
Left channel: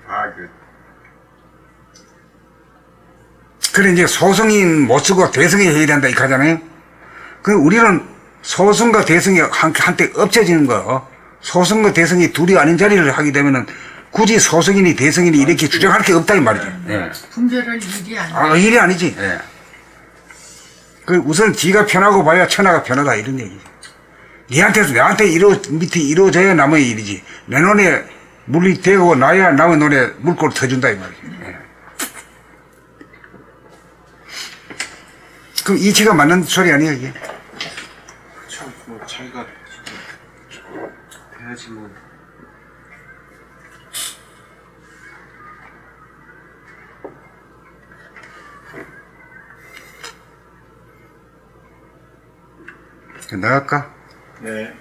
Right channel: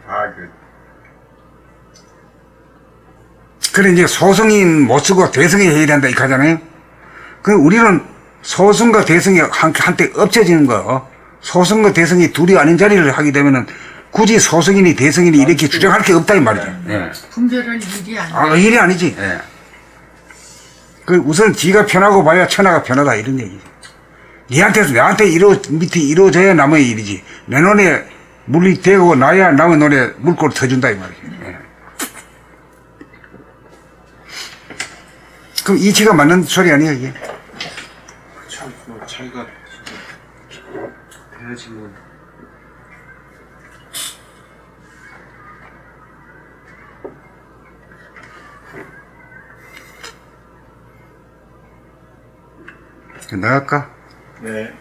그래, 이제 소승인 못 쓰고 대승이 해야 된다, 이렇게 하잖아요. 우리는 소승과 대승이 한때 엎쳐지는 거, 소승과 대승이 둘이 아닌 자리를 하게 되면은 굳이 소승인이 대승인이 이렇게 주장할 게 없다, 이 말이죠. 예. 분별할 일이 아니야. 일이 아니지. 예. 우선 지가 편하고 봐야 천하가 편하다, 이런 얘기. 내한테 밑에 이루어져야 남의 일이지. 내 눈에 물이 되고 나야 남의 눈에 물꼬를 터준다, 이 말이죠. 예. 그럼 이치가 맞는 소리 아니에요, 이게? 참, 자기가 해야지 뭐. 나갈까? 네.